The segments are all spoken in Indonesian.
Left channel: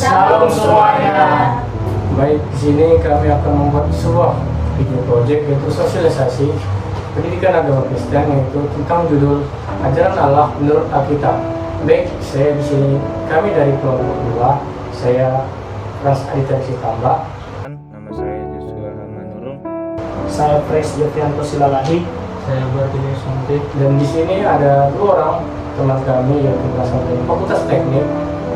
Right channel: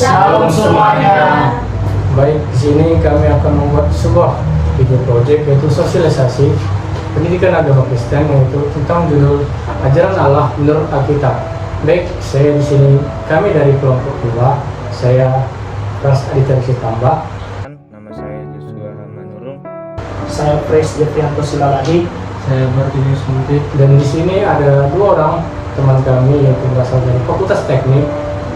Shalom semuanya. Baik, di sini kami akan membuat sebuah video project yaitu sosialisasi pendidikan agama Kristen, yaitu tentang judul Ajaran Allah menurut Alkitab. Baik, saya di sini kami dari kelompok 2. Saya Ras Aditya Tambah. Nama saya Joshua Hamanurung. Saya Pres Jefrianto Silaladi. Saya Martinus Muntik. Dan di sini ada 2 orang teman kami yang berasal dari Fakultas Teknik,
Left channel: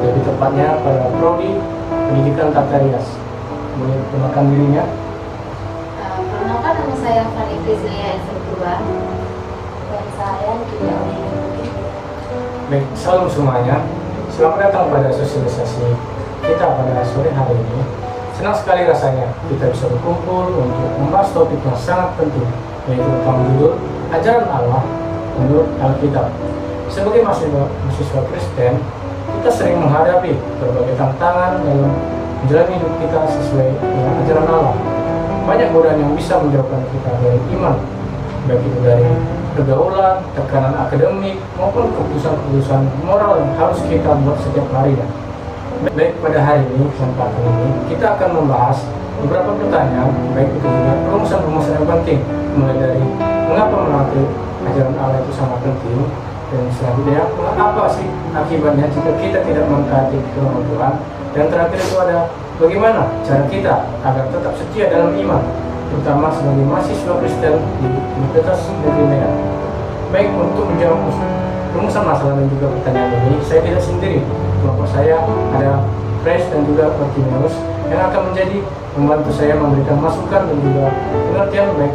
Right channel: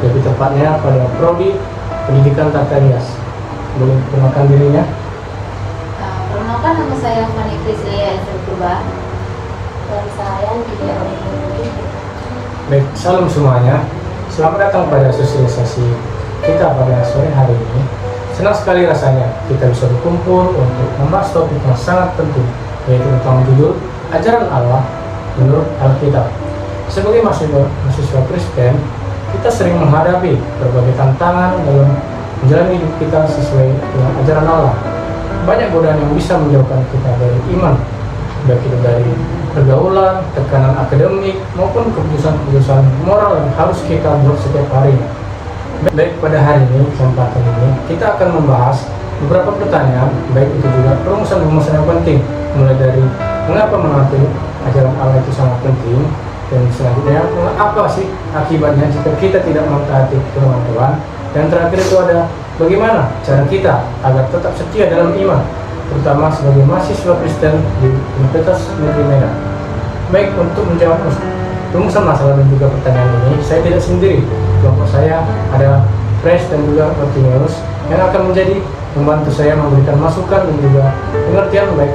lebih tepatnya pada Prodi Pendidikan Tata Rias. Boleh perkenalkan dirinya? Perkenalkan, nama saya Fani Prislia Purba. Dan saya Lydia Odini. Baik, salam semuanya. Selamat datang pada sosialisasi kita pada sore hari ini. Senang sekali rasanya kita bisa berkumpul untuk membahas topik yang sangat penting, yaitu tentang judul Ajaran Allah menurut Alkitab. Sebagai mahasiswa Kristen, kita sering menghadapi berbagai tantangan dalam menjalani hidup kita sesuai dengan ajaran Allah. Banyak godaan yang bisa menjauhkan kita dari iman, baik itu dari pergaulan, tekanan akademik, maupun keputusan-keputusan moral yang harus kita buat setiap harinya. Baik, pada hari ini, kesempatan ini, kita akan membahas beberapa pertanyaan, baik itu juga perumusan-perumusan yang penting, mulai dari mengapa menaati ajaran Allah itu sangat penting, dan selanjutnya apa sih akibatnya jika kita tidak mentaati firman Tuhan, dan terakhir itu ada bagaimana cara kita agar tetap setia dalam iman, terutama sebagai mahasiswa Kristen di Universitas Negeri Medan. Baik, untuk menjawab rumusan masalah dan juga pertanyaan ini, saya tidak sendiri. Kelompok saya ada Fresh dan juga Martinus yang akan menjadi membantu saya memberikan masukan dan juga pengertian baik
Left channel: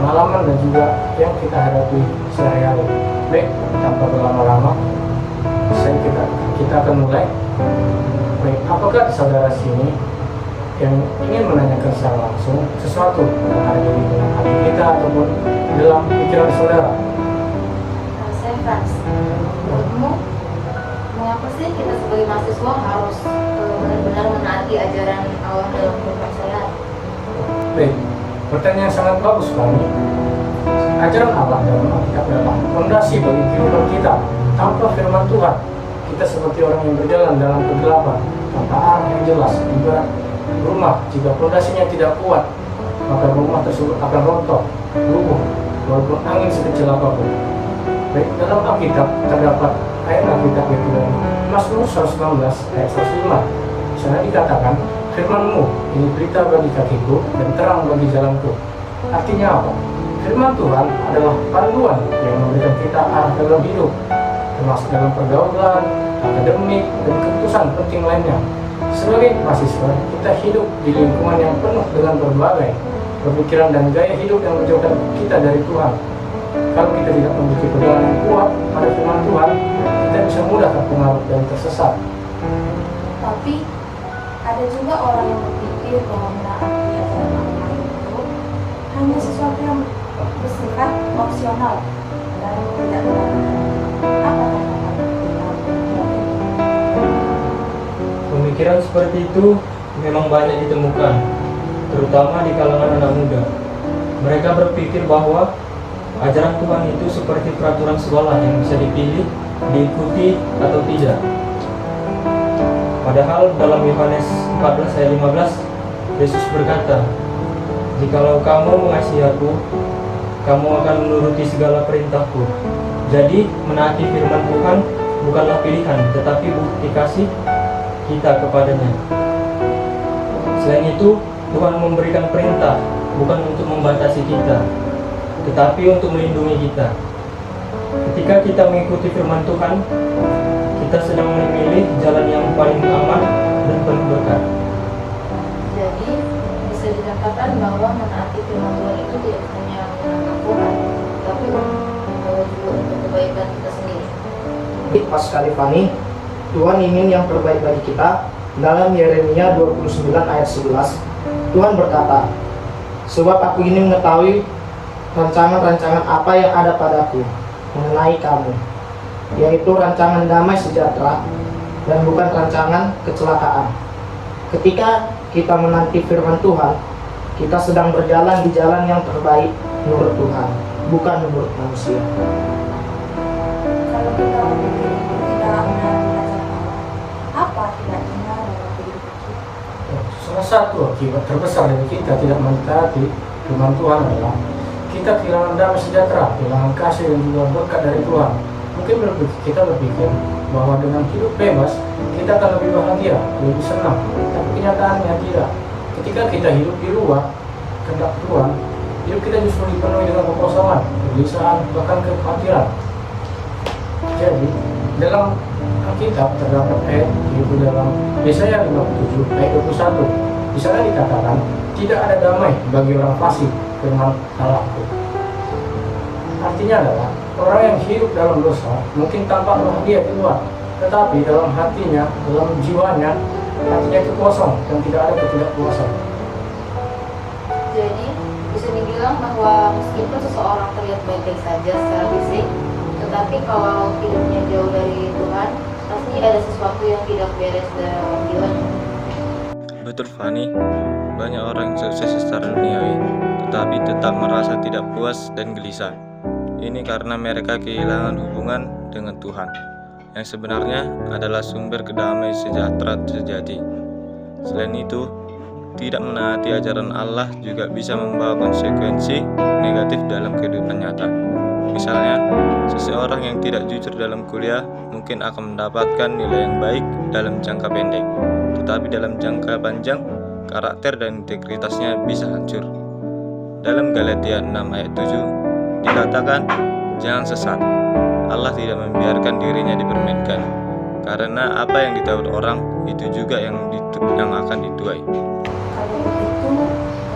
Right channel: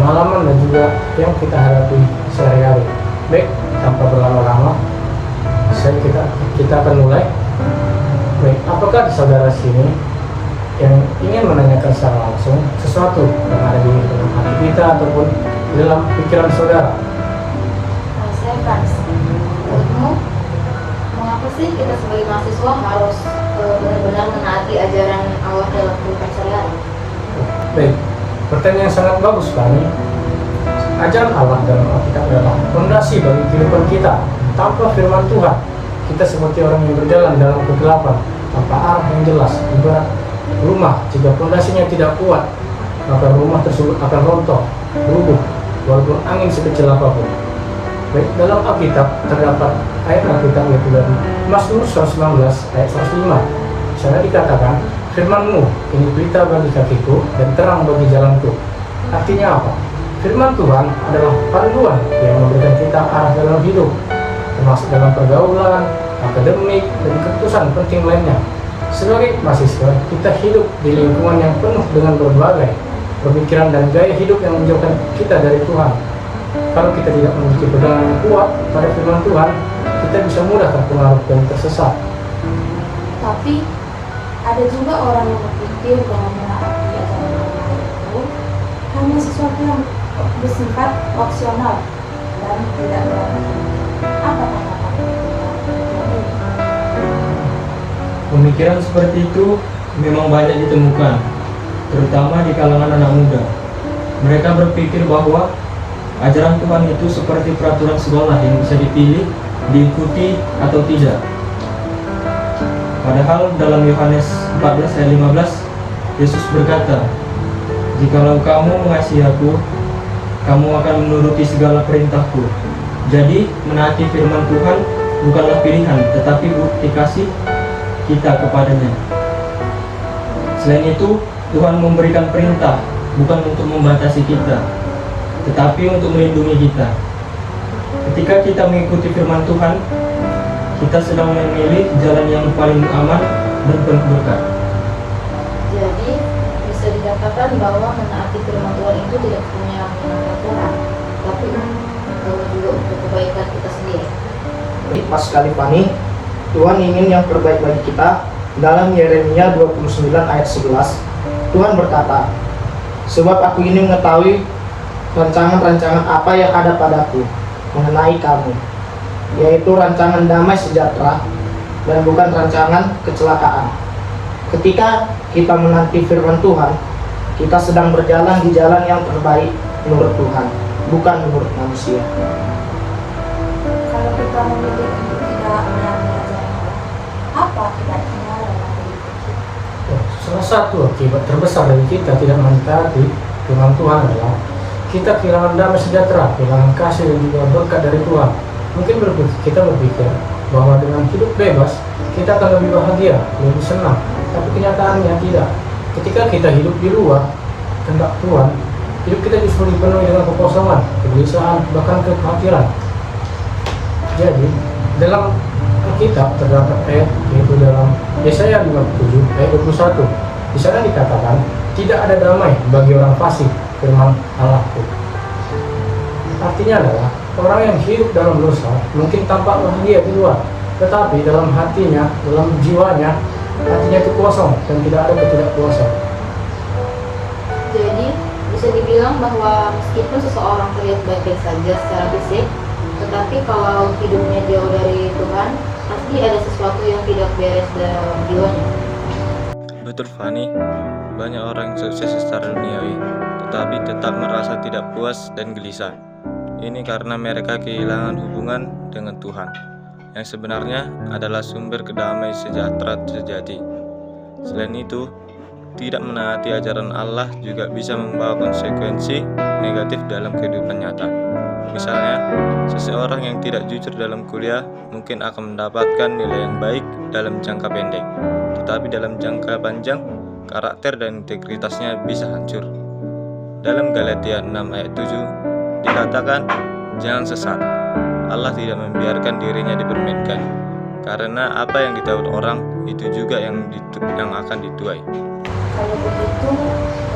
pengalaman dan juga yang kita hadapi sehari-hari. Baik, tanpa berlama-lama, kita akan mulai. Baik, apakah di saudara sini yang ingin menanyakan secara langsung sesuatu yang ada di dalam hati kita ataupun di dalam pikiran saudara? Saya Frans. Menurutmu, mengapa sih kita sebagai mahasiswa harus benar-benar menaati ajaran Allah dalam kehidupan sehari-hari? Baik, pertanyaan yang sangat bagus sekali. Ajaran Allah dalam Alkitab adalah fondasi bagi kehidupan kita. Tanpa firman Tuhan, kita seperti orang yang berjalan dalam kegelapan tanpa arah yang jelas. Ibarat rumah, jika fondasinya tidak kuat, maka rumah tersebut akan rontok, rubuh, walaupun angin sekecil apapun. Baik, dalam Alkitab terdapat ayat Alkitab yaitu dari Mazmur 119 ayat 105. Di sana dikatakan, firman-Mu ini berita bagi kakiku dan terang bagi jalanku. Artinya apa? Firman Tuhan adalah panduan yang memberikan kita arah dalam hidup, termasuk dalam pergaulan, akademik, dan keputusan penting lainnya. Sebagai mahasiswa, kita hidup di lingkungan yang penuh dengan berbagai pemikiran dan gaya hidup yang menjauhkan kita dari Tuhan. Kalau kita tidak memiliki pegangan yang kuat pada firman Tuhan, kita bisa mudah terpengaruh dan tersesat. Tapi ada juga orang yang berpikir bahwa menaati ajaran Allah itu hanya sesuatu yang bersifat opsional dan tidak berarti. Apa tanggapan tentang pemikiran ini? Pemikiran seperti itu memang banyak ditemukan, terutama di kalangan anak muda. Mereka berpikir bahwa ajaran Tuhan itu seperti peraturan sekolah yang bisa dipilih, diikuti atau tidak. Padahal dalam Yohanes 14 ayat 15, Yesus berkata, "Jikalau kamu mengasihi Aku, kamu akan menuruti segala perintahku." Jadi, menaati firman Tuhan bukanlah pilihan, tetapi bukti kasih kita kepadanya. Selain itu, Tuhan memberikan perintah bukan untuk membatasi kita, tetapi untuk melindungi kita. Ketika kita mengikuti firman Tuhan, kita sedang memilih jalan yang paling aman dan penuh berkat. Jadi bisa dikatakan bahwa menaati firman Tuhan itu tidak hanya menyenangkan Tuhan, tapi juga untuk kebaikan kita sendiri. Pas sekali Fani, Tuhan ingin yang terbaik bagi kita. Dalam Yeremia 29 ayat 11, Tuhan berkata, "Sebab Aku ini mengetahui rancangan-rancangan apa yang ada padaku mengenai kamu, yaitu rancangan damai sejahtera dan bukan rancangan kecelakaan." Ketika kita menanti firman Tuhan, kita sedang berjalan di jalan yang terbaik menurut Tuhan, bukan menurut manusia. Kalau kita memilih untuk tidak menaati ajaran Allah, apa akibatnya dalam kehidupan kita? Salah satu akibat terbesar dari kita tidak mentaati firman Tuhan adalah kita kehilangan damai sejahtera, kehilangan kasih dan juga berkat dari Tuhan. Mungkin kita berpikir bahwa dengan hidup bebas kita akan lebih bahagia, lebih senang. Tapi kenyataannya tidak. Ketika kita hidup di luar kehendak Tuhan, hidup kita justru dipenuhi dengan kekosongan, kegelisahan, bahkan kekhawatiran. Jadi dalam Alkitab terdapat ayat yaitu dalam Yesaya 57 ayat 21. Di sana dikatakan tidak ada damai bagi orang fasik, firman Allahku. Artinya adalah orang yang hidup dalam dosa mungkin tampak bahagia di luar, tetapi dalam hatinya, dalam jiwanya, hatinya itu kosong dan tidak ada ketidakpuasan. Jadi bisa dibilang bahwa meskipun seseorang terlihat baik-baik saja secara fisik, tetapi kalau hidupnya jauh dari Tuhan, pasti ada sesuatu yang tidak beres dalam jiwanya. Betul Fani, banyak orang yang sukses secara duniawi, tetapi tetap merasa tidak puas dan gelisah. Ini karena mereka kehilangan hubungan dengan Tuhan, yang sebenarnya adalah sumber kedamaian sejahtera sejati. Selain itu, tidak menaati ajaran Allah juga bisa membawa konsekuensi negatif dalam kehidupan nyata. Misalnya, seseorang yang tidak jujur dalam kuliah mungkin akan mendapatkan nilai yang baik dalam jangka pendek, tetapi dalam jangka panjang, karakter dan integritasnya bisa hancur. Dalam Galatia 6 ayat 7 dikatakan, jangan sesat. Allah tidak membiarkan dirinya dipermainkan, karena apa yang ditahu orang itu juga yang akan dituai. Kalau begitu,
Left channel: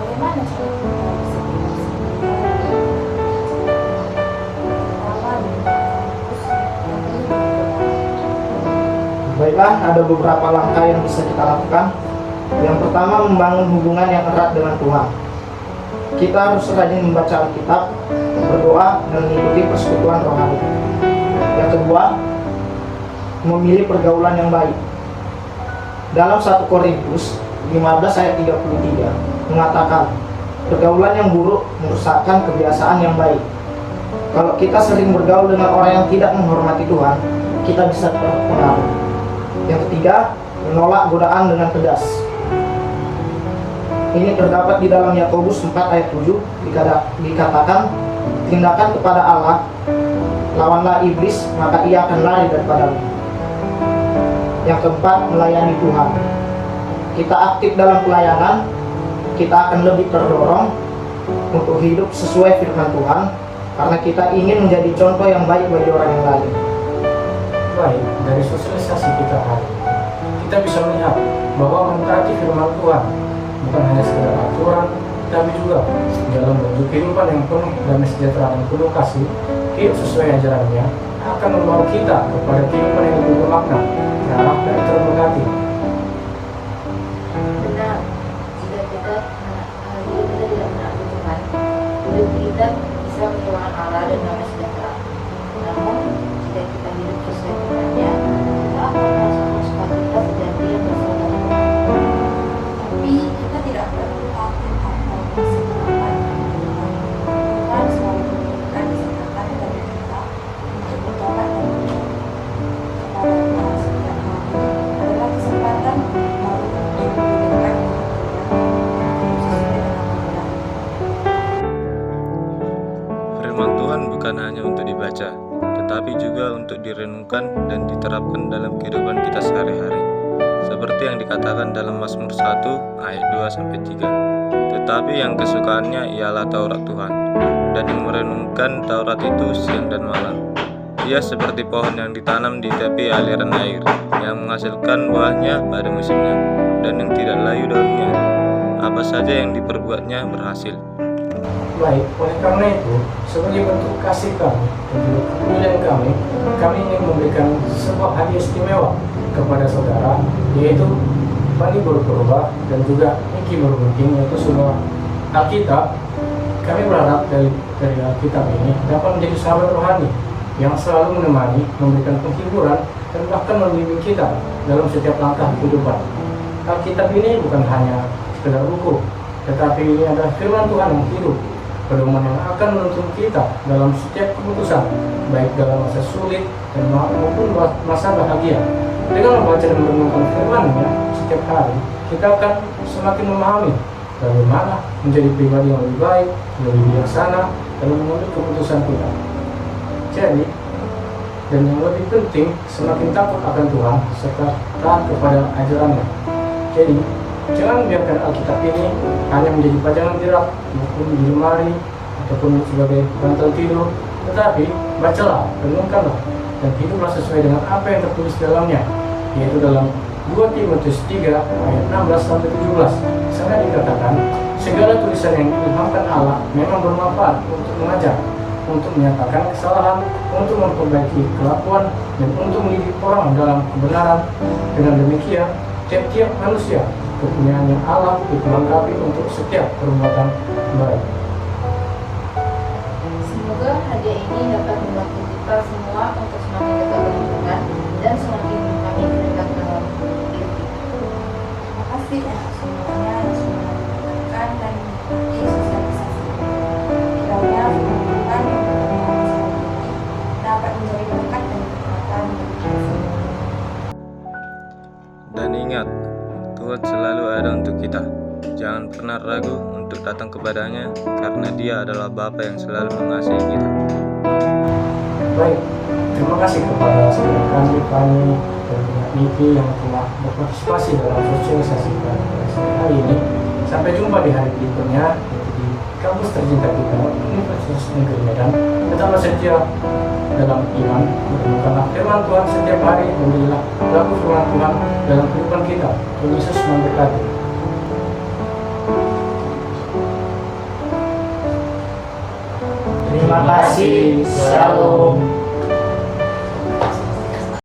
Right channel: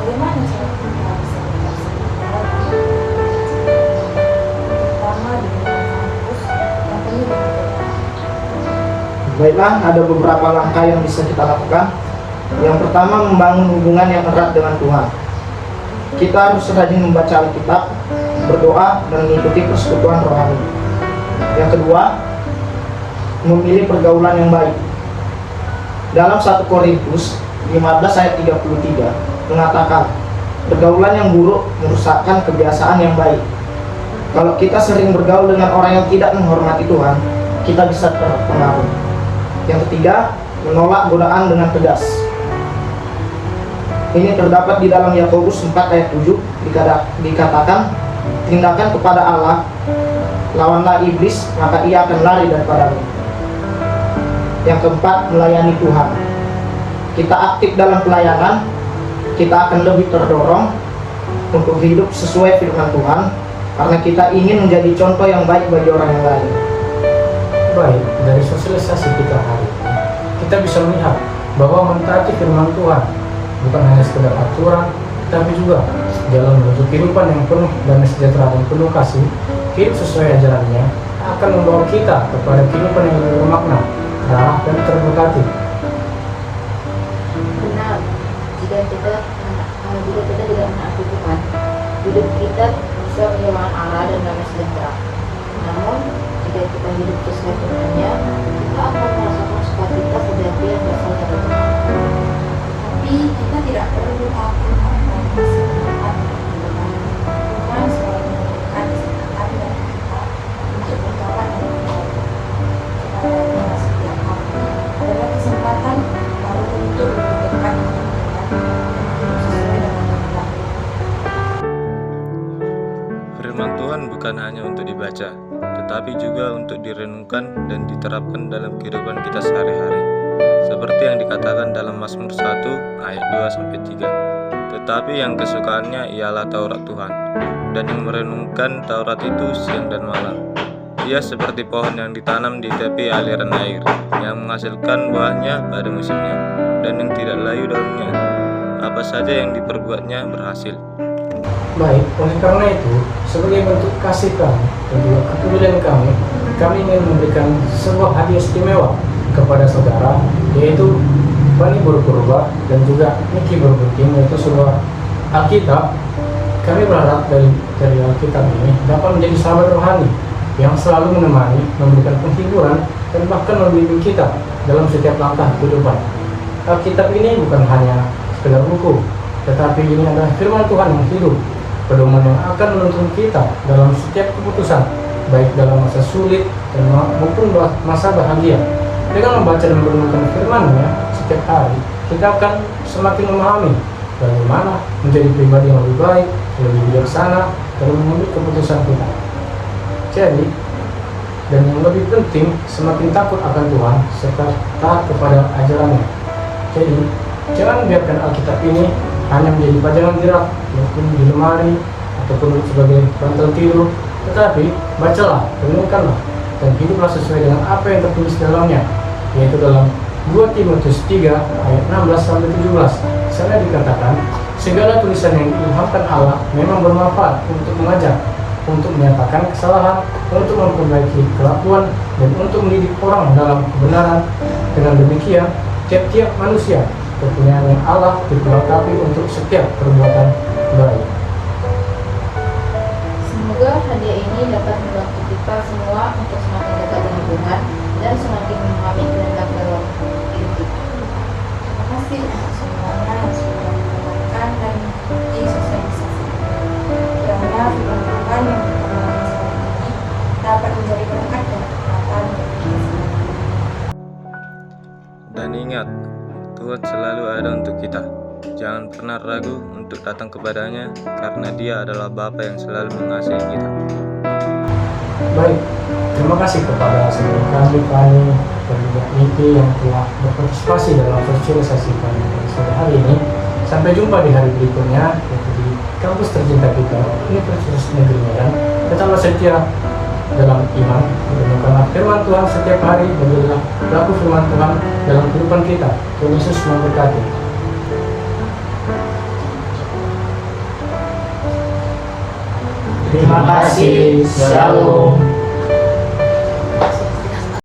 bagaimana cara kita bisa berhasil terutama di kampus yang penuh dengan perbedaan? Baiklah, ada beberapa langkah yang bisa kita lakukan. Yang pertama, membangun hubungan yang erat dengan Tuhan. Kita harus rajin membaca Alkitab, berdoa, dan mengikuti persekutuan rohani. Yang kedua, memilih pergaulan yang baik. Dalam 1 Korintus 15 ayat 33 mengatakan, pergaulan yang buruk merusakkan kebiasaan yang baik. Kalau kita sering bergaul dengan orang yang tidak menghormati Tuhan, kita bisa terpengaruh. Yang ketiga, menolak godaan dengan tegas. Ini terdapat di dalam Yakobus 4 ayat 7 dikatakan, tindakan kepada Allah, lawanlah iblis, maka ia akan lari daripadamu. Yang keempat, melayani Tuhan. Kita aktif dalam pelayanan, kita akan lebih terdorong untuk hidup sesuai firman Tuhan, karena kita ingin menjadi contoh yang baik bagi orang yang lain. Baik, dari sosialisasi kita hari ini, kita bisa melihat bahwa mentaati firman Tuhan bukan hanya sekedar aturan, tapi juga dalam bentuk kehidupan yang penuh damai sejahtera dan penuh kasih. Hidup sesuai ajarannya akan membawa kita kepada kehidupan yang lebih bermakna, ramah dan terberkati. Benar, jika kita tidak menaati Tuhan, hidup kita bisa kehilangan arah dan damai sejahtera. Namun, jika kita hidup sesuai dengannya, kita akan merasakan sukacita sejati yang berasal dari Tuhan. Tapi kita tidak perlu takut atau bersemangat Tuhan selalu memberikan kesempatan bagi kita untuk bertobat dan bertobat. Kepadanya setiap hari adalah kesempatan baru untuk lebih dekat dengan Tuhan, sesuai dengan kehendak. Firman Tuhan bukan hanya untuk dibaca, tetapi juga untuk direnungkan dan diterapkan dalam kehidupan kita sehari-hari. Seperti yang dikatakan dalam Mazmur 1 ayat 2-3. Tetapi yang kesukaannya ialah Taurat Tuhan, dan yang merenungkan Taurat itu siang dan malam. Ia seperti pohon yang ditanam di tepi aliran air, yang menghasilkan buahnya pada musimnya, dan yang tidak layu daunnya. Apa saja yang diperbuatnya berhasil. Baik, oleh karena itu, sebagai bentuk kasih kami dan juga kepedulian kami ingin memberikan sebuah hadiah istimewa kepada saudara, yaitu Fani Berpurba dan juga Niki Berbuking, yaitu sebuah Alkitab. Kami berharap dari Alkitab ini dapat menjadi sahabat rohani yang selalu menemani, memberikan penghiburan, dan bahkan membimbing kita dalam setiap langkah kehidupan. Alkitab ini bukan hanya sekedar buku, tetapi ini adalah firman Tuhan yang hidup, pedoman yang akan menuntun kita dalam setiap keputusan, baik dalam masa sulit dan maupun masa bahagia. Dengan membaca dan merenungkan firman-Nya setiap hari, kita akan semakin memahami bagaimana menjadi pribadi yang lebih baik, lebih bijaksana dalam mengambil keputusan kita. Jadi, dan yang lebih penting, semakin takut akan Tuhan serta taat kepada ajarannya. Jadi, jangan biarkan Alkitab ini hanya menjadi pajangan jerak maupun di lemari ataupun sebagai bantal tidur, tetapi bacalah, renungkanlah, dan hiduplah sesuai dengan apa yang tertulis dalamnya, yaitu dalam 2 Timotius 3 ayat 16-17. Sana dikatakan, segala tulisan yang diilhamkan Allah memang bermanfaat untuk mengajar, untuk menyatakan kesalahan, untuk memperbaiki kelakuan, dan untuk mendidik orang dalam kebenaran. Dengan demikian, tiap-tiap manusia kepunyaan Allah diperlengkapi untuk setiap perbuatan baik. Semoga hadiah ini dapat membantu kita semua untuk semakin dekat dengan Tuhan dan semakin memahami kehendak Roh hidup kita. Terima kasih untuk semuanya yang sudah mendengarkan dan mengikuti sosialisasi. Kiranya firman Tuhan yang berkenan masalah ini dapat menjadi berkat dan kekuatan bagi kita semua. Dan ingat, Tuhan selalu ada untuk kita. Jangan pernah ragu untuk datang kepadanya, karena Dia adalah Bapa yang selalu mengasihi kita. Baik, terima kasih kepada saudara kami Fani dan Niti yang telah berpartisipasi dalam sosialisasi pada sore hari ini. Sampai jumpa di hari berikutnya di kampus tercinta kita, Universitas Negeri Medan. Tetaplah setia dalam iman, menemukan firman Tuhan setiap hari, berilah laku firman Tuhan dalam kehidupan kita. Tuhan Yesus memberkati. Terima kasih. Shalom.